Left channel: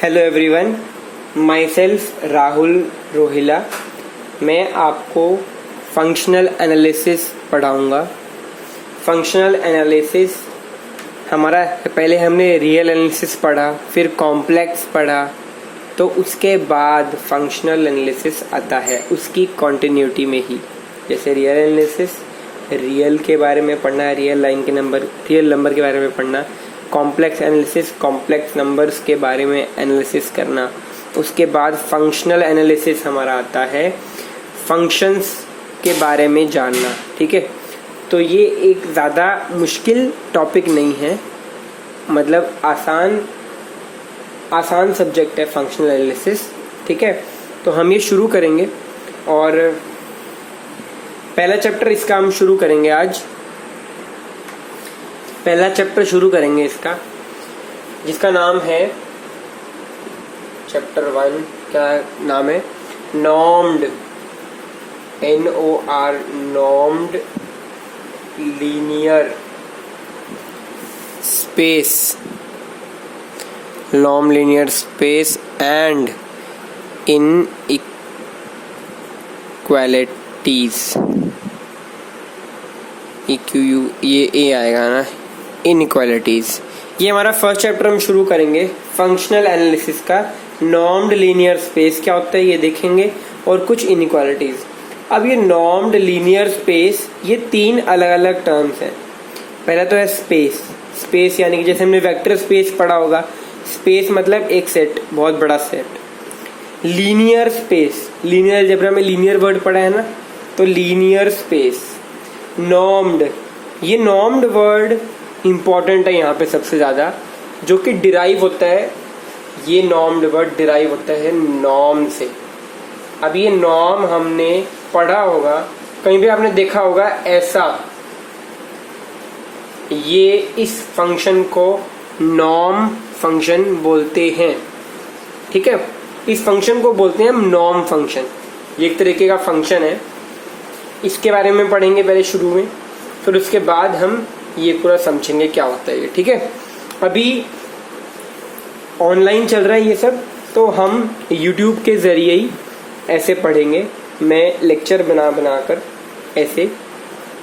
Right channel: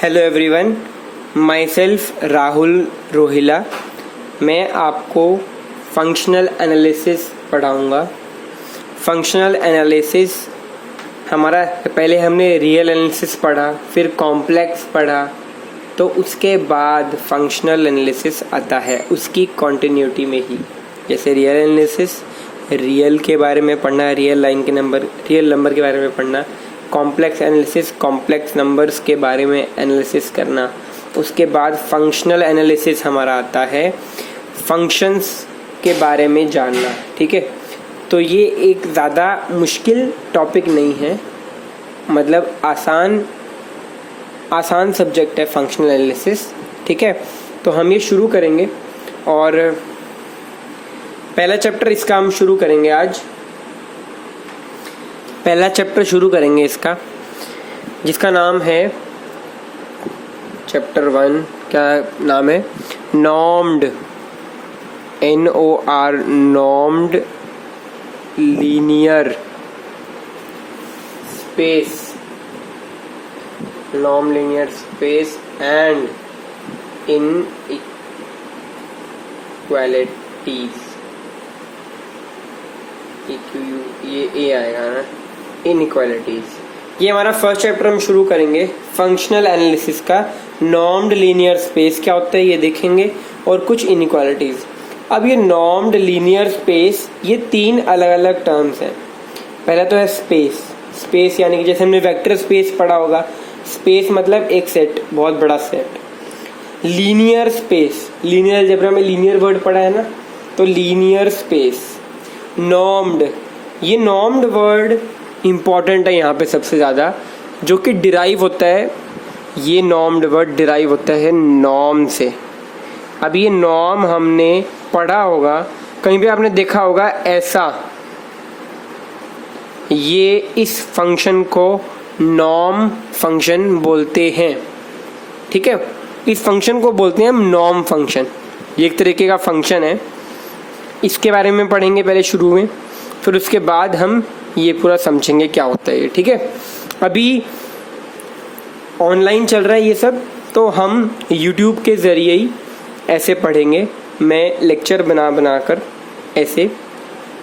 Hello everyone, myself Rahul Rohila. मैं आपको functional analysis पढ़ाऊँगा। फंक्शनल एनालिसिस हमारा पहले हमने रियल एनालिसिस पढ़ा, फिर कॉम्प्लेक्स पढ़ा, तो उसके बाद फंक्शनल एनालिसिस आता है उसकी कॉन्टिन्यूटी में ही। जैसे रियल एनालिसिस, रियल के बारे में पढ़ना, रियल नंबर के बारे में पढ़ना। कॉम्प्लेक्स एनालिसिस, कॉम्प्लेक्स नंबर्स के बारे में एनालिसिस करना। उसके बाद फंक्शनल एनालिसिस हमारा आता है फंक्शंस के बारे में जानना। ठीक है, तो ये एक ज़्यादा मुश्किल टॉपिक नहीं है, मतलब आसान सब्जेक्ट है फंक्शनल एनालिसिस। ठीक है, तो हम ये शुरू करेंगे और पहला चैप्टर इसका हम शुरू करेंगे आज। पहला चैप्टर शुरू करेंगे इसका, जिसका नाम है चैप्टर 1। क्या नाम है? Normed, NOR, normed linear space, norm linear space and inequalities. ये ए आएगा ना, इनइक्वालिटीज। ये हमारा फर्स्ट चैप्टर हम शुरू करेंगे फंक्शनल एनालिसिस का। नॉर्म्ड लीनियर स्पेस क्या होता है ये देखेंगे, और कुछ इनइक्वालिटीज। अब ये नॉर्म्ड लीनियर स्पेस, ये 3 अलग अलग टर्म्स हैं। पहला तो है स्पेस। स्पेस यानी कि जैसे हमने वेक्टर स्पेस पढ़ा होगा, स्पेस मतलब एक सेट, बहुत बड़ा set. Linear space, linear algebra में लीनियर वर्ड पढ़ा है ना, तो लीनियर स्पेस। नॉर्म्ड, ये नॉर्म्ड वर्ड इंपॉर्टेंट है यहाँ पे सबसे ज़्यादा, जो कि डिराइव होता है। ये नॉर्म्ड वर्ड डिराइव होता है नॉर्म से। अब ये नॉर्म हमने पढ़ा होगा, कहीं भी आपने देखा होगा ऐसा। ये इस फंक्शन को नॉर्म फंक्शन बोलते हैं। ठीक है, इस फंक्शन को बोलते हैं हम नॉर्म फंक्शन। ये एक तरीके का फंक्शन है, इसके बारे में पढ़ेंगे पहले शुरू में, फिर उसके बाद हम ये पूरा समझेंगे क्या होता है ये। ठीक है, अभी ऑनलाइन चल रहा है ये सब, तो हम YouTube के ज़रिए ही ऐसे पढ़ेंगे। मैं लेक्चर बना कर ऐसे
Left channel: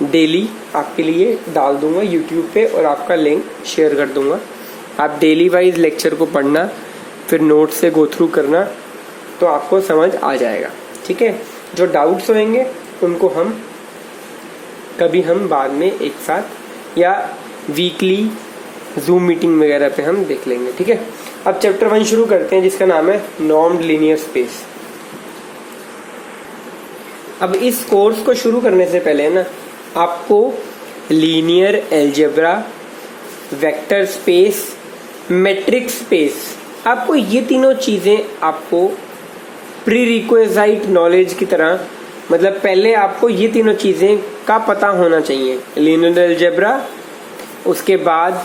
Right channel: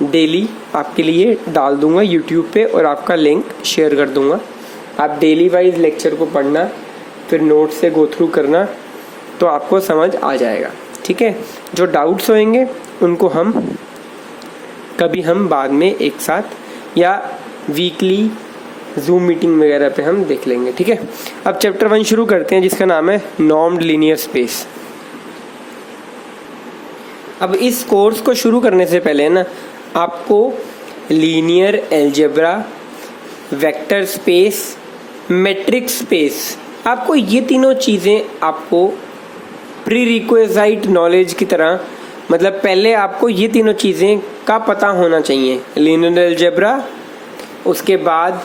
डेली आपके लिए डाल दूंगा YouTube पे, और आपका लिंक शेयर कर दूंगा। आप डेली वाइज लेक्चर को पढ़ना, फिर नोट से गो थ्रू करना, तो आपको समझ आ जाएगा। ठीक है, जो डाउट्स होंगे उनको हम बाद में एक साथ या वीकली जूम मीटिंग वगैरह पे हम देख लेंगे। ठीक है, अब चैप्टर 1 शुरू करते हैं, जिसका नाम है नॉर्म्ड लीनियर स्पेस। अब इस कोर्स को शुरू करने से पहले ना, आपको linear algebra, vector space, matrix space, आपको ये तीनों चीज़ें आपको प्री रिक्विजिट नॉलेज की तरह, मतलब पहले आपको ये तीनों चीज़ें का पता होना चाहिए। लीनियर अलजेब्रा, उसके बाद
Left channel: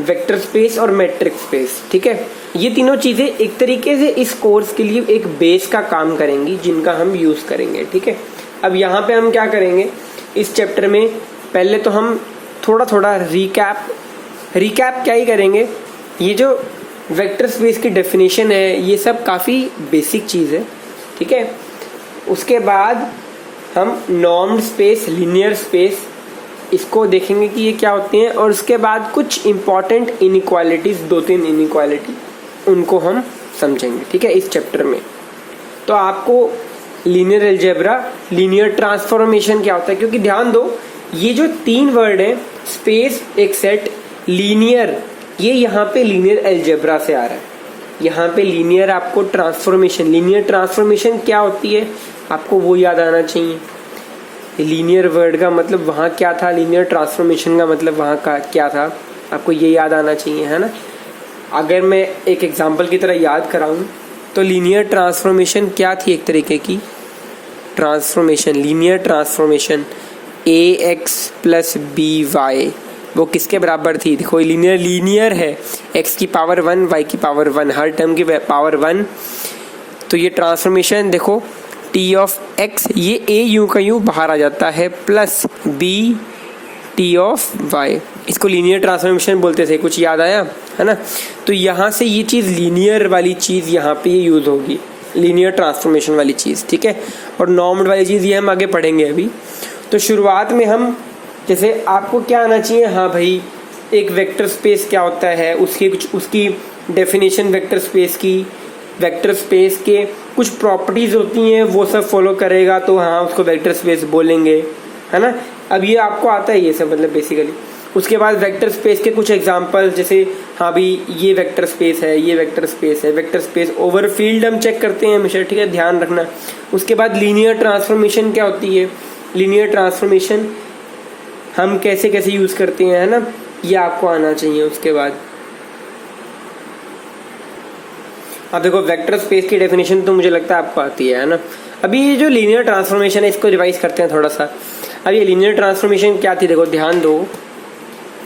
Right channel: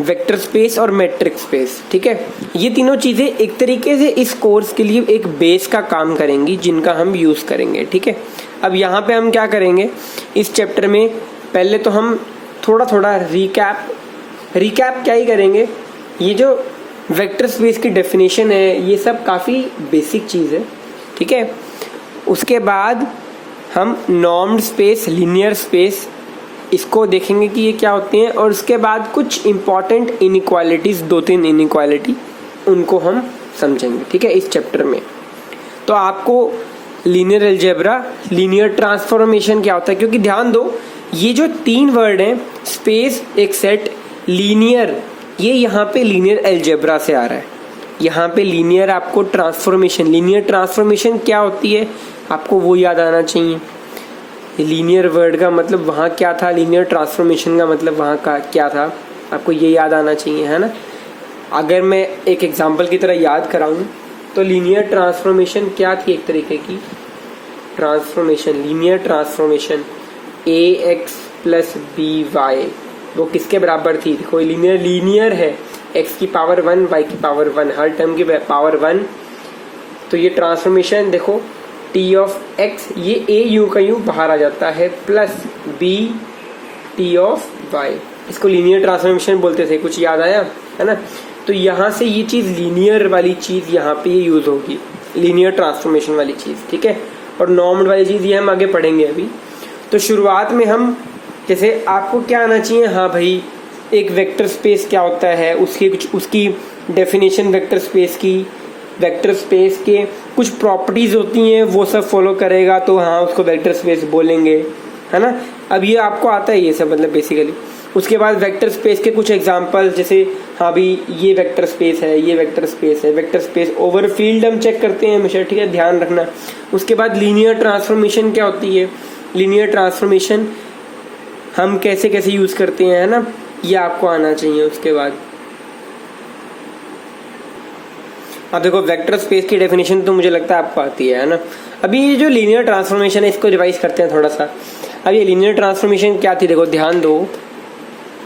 वेक्टर स्पेस और मैट्रिक्स स्पेस। ठीक है, ये तीनों चीज़ें एक तरीके से इस कोर्स के लिए एक बेस का काम करेंगी, जिनका हम यूज़ करेंगे। ठीक है, अब यहाँ पे हम क्या करेंगे इस चैप्टर में, पहले तो हम थोड़ा रिकैप क्या ही करेंगे। ये जो वेक्टर स्पेस की डेफिनेशन है, ये सब काफ़ी बेसिक चीज़ है। ठीक है, उसके बाद हम नॉर्म्ड स्पेस, लीनियर स्पेस, इसको देखेंगे कि ये क्या होते हैं, और उसके बाद कुछ इंपॉर्टेंट इनइक्वालिटीज़, 2-3 इनइक्वालिटी, उनको हम समझेंगे। ठीक है, इस चैप्टर में तो आपको लीनियर अलजेब्रा, लीनियर ट्रांसफॉर्मेशन क्या होता है, क्योंकि ध्यान दो, ये जो 3 वर्ड हैं, स्पेस, एक सेट, लीनियर, ये यहाँ पे लीनियर अलजेब्रा से आ रहा है। यहाँ पे लीनियर आपको ट्रांसफॉर्मेशन, लीनियर ट्रांसफॉर्मेशन क्या होती है आपको वो याद आना चाहिए। लीनियर वर्ड का मतलब वहाँ क्या था, लीनियर ट्रांसफॉर्मेशन का मतलब वहाँ का क्या था, आपको ये याद आना चाहिए, है ना। अगर मैं एक एग्जांपल की तरह याद कराऊँ, तो लीनियर ट्रांसफॉर्मेशन क्या थी, एक तरीके की transformation, linear transformation AX + BY, वो किसके बराबर थी? देखो लीनियर है, x की पावर 1, y की पावर 1, हर टर्म की पावर 1। तो ये ट्रांसफॉर्मेशन देखो, T(x), ये a यू का यू बाहर आ जाता है, प्लस b T(y), इसको लीनियर ट्रांसफॉर्मेशन बोलते थे। कुछ याद आया, है ना। तो यहाँ से ये चीज़ लीनियर वाली चीज़ यहाँ पे ये यूज़ होगी, लीनियर ट्रांसफॉर्मेशन वाली चीज़, ठीक है। और नॉर्म्ड वाली चीज़ ये हम आगे पढ़ेंगे अभी। तो शुरुआत में हम जैसे आपको क्या आना चाहिए, हाँ भाई एक वेक्टर स्पेस क्या होता है, उसकी डेफिनेशन वेक्टर स्पेस की, वेक्टर स्पेस के कुछ प्रॉपर्टीज होती हैं वो सब फॉलो करेगा तो हाँ उसको वेक्टर स्पेस बोलेंगे, है ना। अब ये आपको आता है ये सब मतलब बेसिकली। उसके बाद वेक्टर स्पेस के कुछ एग्जांपल, जैसे हाँ भी ये वेक्टर स्पेस है, ये वेक्टर स्पेस है, वेक्टर स्पेस ओवर फील्ड हम चेक करते हैं हमेशा, ठीक है, ध्यान रखना। उसके बाद लीनियर ट्रांसफॉर्मेशन क्या होती है, लीनियर ट्रांसफॉर्मेशन हम कैसे कैसे यूज करते हैं, है ना, ये आपको आना चाहिए। उसके बाद अब देखो वेक्टर स्पेस की डेफिनेशन तो मुझे लगता है आपको आती है ना। अभी ये जो लीनियर ट्रांसफॉर्मेशन है इसको रिवाइज करते हैं थोड़ा सा। अब ये लीनियर ट्रांसफॉर्मेशन क्या थी, देखो ध्यान दो,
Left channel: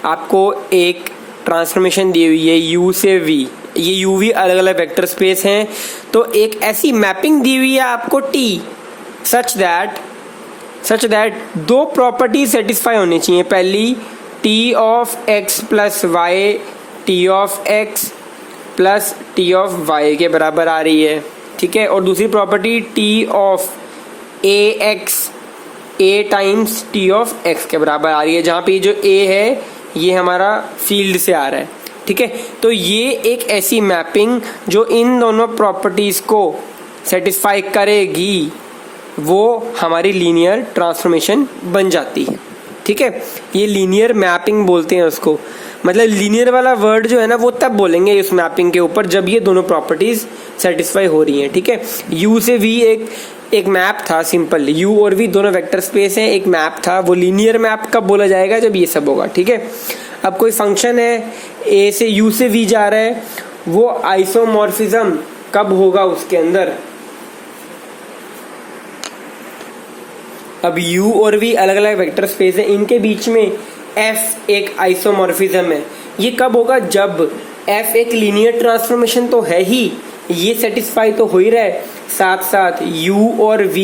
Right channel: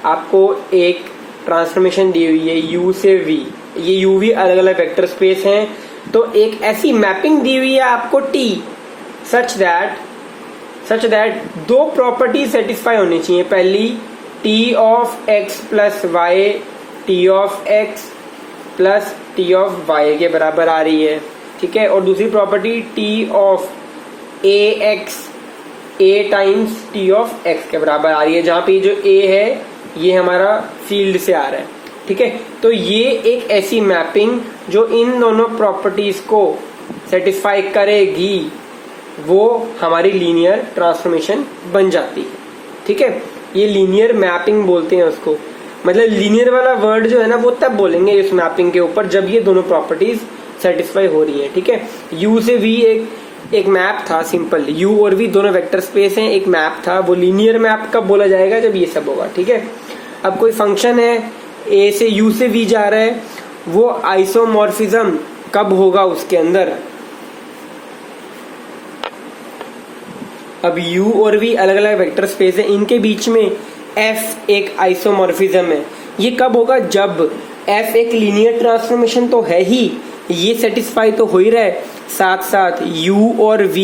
आपको एक ट्रांसफॉर्मेशन दी हुई है u से v, ये u v अलग अलग वेक्टर स्पेस हैं, तो एक ऐसी मैपिंग दी हुई है आपको t सच दैट दो प्रॉपर्टी सेटिस्फाई होनी चाहिए। पहली t of x plus y t of x plus t of y के बराबर आ रही है, ठीक है। और दूसरी property t of ax a times t of x के बराबर आ रही है, जहां पे जो a है ये हमारा फील्ड से आ रहा है, ठीक है। तो ये एक ऐसी मैपिंग जो इन दोनों प्रॉपर्टीज को सेटिस्फाई करेगी वो हमारी लीनियर ट्रांसफॉर्मेशन बन जाती है, ठीक है। ये लीनियर मैपिंग बोलते हैं उसको, मतलब लीनियर वाला वर्ड जो है ना वो तब बोलेंगे इस मैपिंग के ऊपर जब ये दोनों प्रॉपर्टीज सेटिस्फाई हो रही हैं, ठीक है। u से v एक मैप था सिंपल, u और v दोनों वेक्टर स्पेस हैं, एक मैप था, वो लीनियर मैप कब बोला जाएगा जब ये सब होगा, ठीक है। अब कोई फंक्शन है a से u से v जा रहा है, वो आइसोमॉर्फिज्म कब होगा उसके अंदर। अब u और v अलग अलग वेक्टर स्पेस है, इनके बीच में f एक आइसोमॉर्फिज्म है, ये कब होगा जब f एक लीनियर ट्रांसफॉर्मेशन तो है ही, ये सेटिस्फाई तो हो ही रहा है, साथ साथ u और v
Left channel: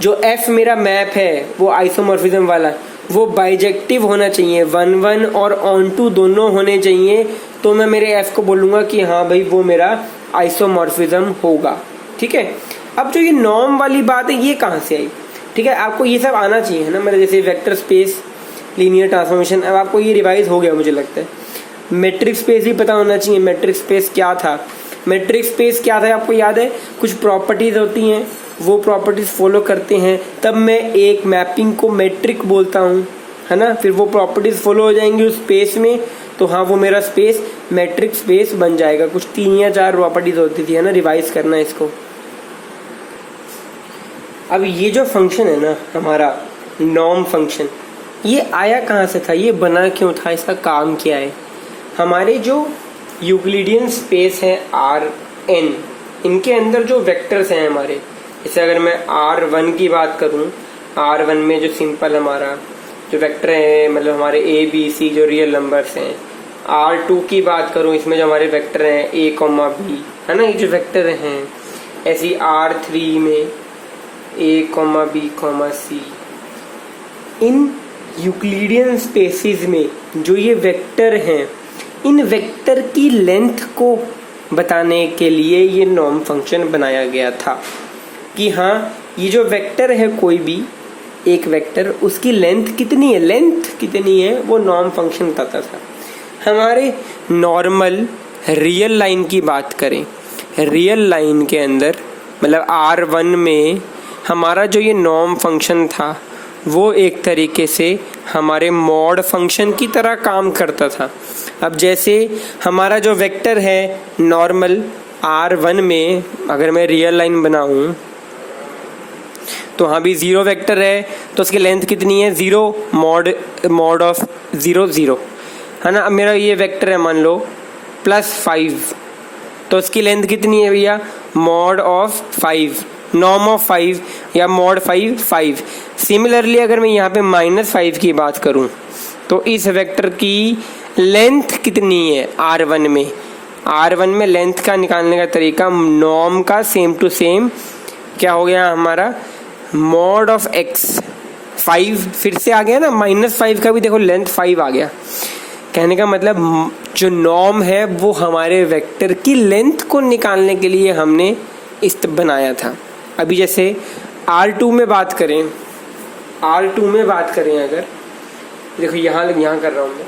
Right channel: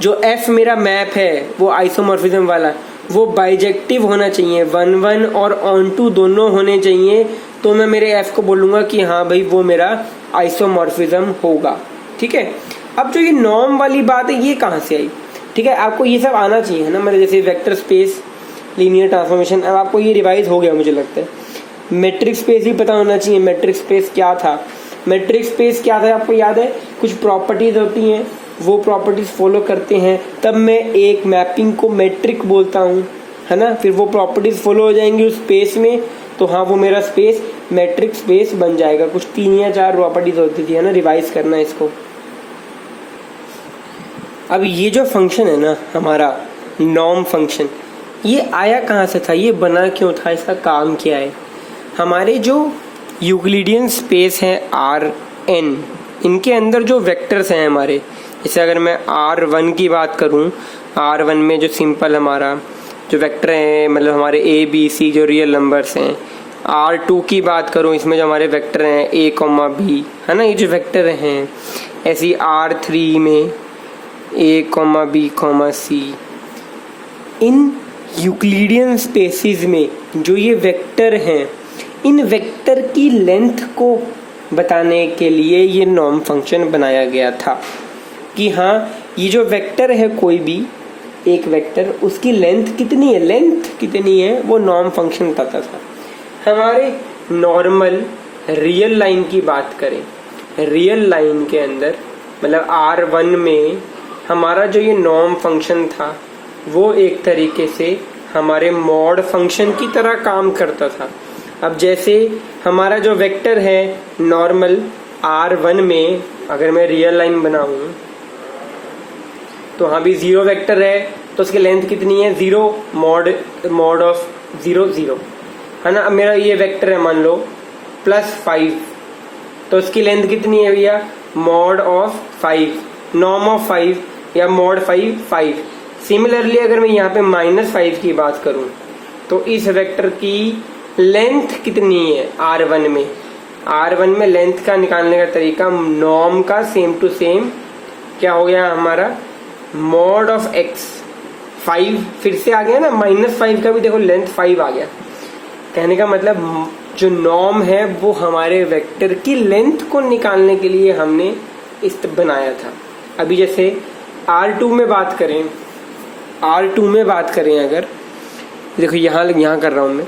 जो f मेरा मैप है वो आइसोमॉर्फिज्म वाला, वो बाइजेक्टिव होना चाहिए, 1 और ऑन टू दोनों होने चाहिए, तो मैं मेरे f को बोलूंगा कि हाँ भाई वो मेरा आइसोमॉर्फिज्म होगा, ठीक है। अब जो ये नॉर्म वाली बात है ये कहाँ से आई, ठीक है, आपको ये सब आना चाहिए, है ना, मतलब जैसे वेक्टर स्पेस, लीनियर ट्रांसफॉर्मेशन, अब आपको ये रिवाइज हो गया मुझे लगता है। मैट्रिक्स स्पेस भी पता होना चाहिए, मैट्रिक्स स्पेस क्या था, मैट्रिक्स स्पेस क्या था आपको याद है, कुछ प्रॉपर्टीज होती हैं, वो प्रॉपर्टीज फॉलो करते हैं तब मैं एक मैपिंग को मैट्रिक बोलता हूँ, है ना। फिर वो प्रॉपर्टीज फॉलो हो जाएंगी उस स्पेस में, तो हाँ वो मेरा स्पेस मैट्रिक स्पेस बन जाएगा। कुछ 3 या 4 प्रॉपर्टीज होती थी, है ना, रिवाइज करना इसको। अब ये जो फंक्शन है ना हमारा नॉर्म फंक्शन, ये आया कहाँ से था, ये बना क्यों था, इसका काम क्या है। हमारे जो यूक्लिडियन स्पेस है Rn, इनके अंदर जो वेक्टर्स हैं हमारे, जैसे अगर मैं R1 की बात करूं, R1 में जो सिंपल हमारा जो वेक्टर है, मतलब हमारे A B C जो रियल नंबर्स हैं। R2 की बात करूं, इसमें जो हमारे वेक्टर हैं A, B, है ना, ये जो वेक्टर हैं। ऐसी R3 में A, B, C। इन यूक्लिडियन स्पेसिस में जो ये वेक्टर हैं, इन वेक्टर की लेंथ को बताने के लिए ये नॉर्म फंक्शन बनाया गया था कि हाँ ये जो वेक्टर है कोई भी एक वेक्टर, उसकी लेंथ कितनी है वो नॉर्म फंक्शन बताता था। हमारे नॉर्मल रियल लाइन की बात करें, रियल लाइन के अंदर मतलब R1 में हमारा जो ये नॉर्म फंक्शन था वो एक तरीके से हमारे मॉड फंक्शन की तरह काम करता था। अब जैसे हमारा जो वेक्टर है नॉर्मल R1 में, अगर मैं रियल लाइन बनाऊं तो हाँ भी 0 वेक्टर है, तो उसकी लेंथ कितनी है 0 मॉड ऑफ 0 0, है ना। अब मेरा ये वेक्टर है मान लो +5, तो उसकी लेंथ कितनी है भैया मॉड ऑफ 5, नॉर्म ऑफ 5 या मॉड 5। सिमिलरली अगर मैं यहाँ पे -5 की बात करूं तो इस वेक्टर की लेंथ कितनी है R1 में लेंथ का निकालने का तरीका नॉर्म का सेम टू सेम क्या हो गया हमारा मॉड ऑफ x 5 फिर से आ गया ना, -5 का भी देखो लेंथ 5 आ गया। कहने का मतलब जो नॉर्म है वो हमारे वेक्टर की लेंथ को निकालने के लिए हमने इस बनाया था। अभी जैसे R2 में बात करें, अगर देखो यहाँ कर रहा हूं मैं,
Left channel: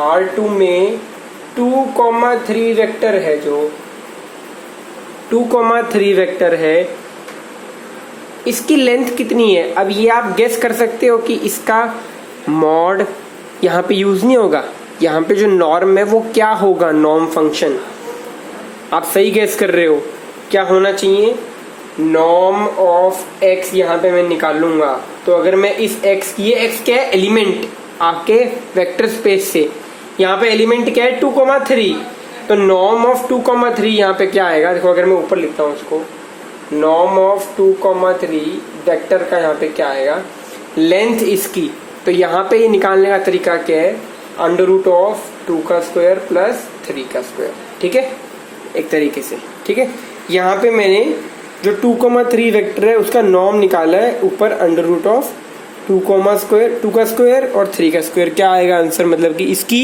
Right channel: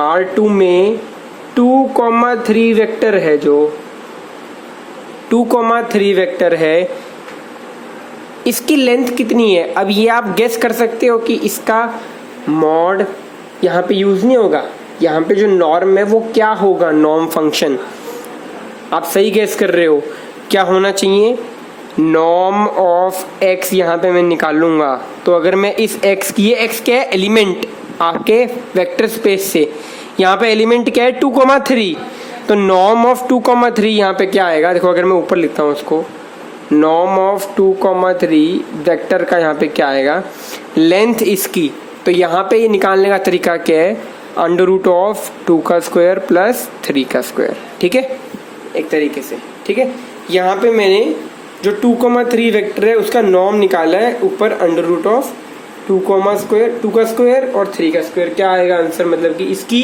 R2 में 2,3 वेक्टर है, जो 2,3 वेक्टर है, इसकी लेंथ कितनी है? अब ये आप गेस कर सकते हो कि इसका मॉड यहाँ पे यूज नहीं होगा, यहाँ पे जो नॉर्म है वो क्या होगा, नॉर्म फंक्शन। आप सही गेस कर रहे हो, क्या होना चाहिए, नॉर्म ऑफ x यहाँ पे मैं निकाल लूंगा। तो अगर मैं इस x की, ये x क्या है, एलिमेंट आपके वेक्टर स्पेस से, यहाँ पे एलिमेंट क्या है 2,3, तो नॉर्म ऑफ 2,3 यहाँ पे क्या आएगा, देखो अगर मैं ऊपर लिखता हूँ इसको, नॉर्म ऑफ 2,3 वेक्टर का यहाँ पे क्या आएगा, लेंथ इसकी। तो यहाँ पे ये निकालने का तरीका क्या है, अंडर रूट ऑफ 2 का स्क्वायर प्लस 3 का स्क्वायर, ठीक है, एक तरीके से, ठीक है। यहाँ पे मैंने जो 2,3 वेक्टर है उसका नॉर्म निकाला है, ऊपर अंडर रूट ऑफ 2 का स्क्वायर और 3 का स्क्वायर, क्या आएगा आंसर, मतलब कि इसकी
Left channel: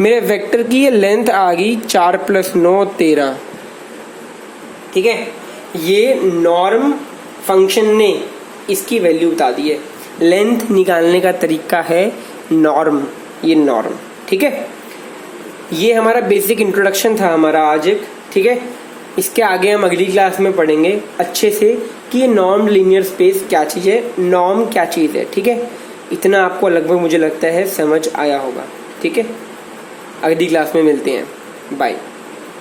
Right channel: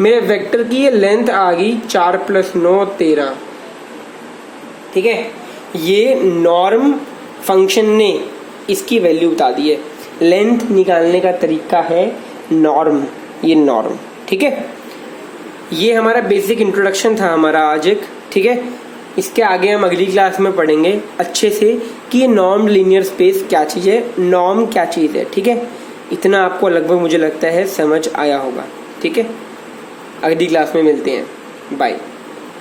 मेरे वेक्टर की ये लेंथ आ गई 4 + 9 13, ठीक है। ये नॉर्म फंक्शन ने इसकी वैल्यू बता दी है। लेंथ निकालने का तरीका है नॉर्म, ये नॉर्म, ठीक है। ये हमारा बेसिक इंट्रोडक्शन था हमारा आज एक, ठीक है। इसके आगे हम अगली क्लास में पढ़ेंगे अच्छे से कि ये नॉर्म लीनियर स्पेस क्या चीज़ है, नॉर्म क्या चीज़ है, ठीक है। इतना आपको लगभग मुझे लगता है समझ आया होगा, ठीक है। अगली क्लास में मिलते हैं, बाय।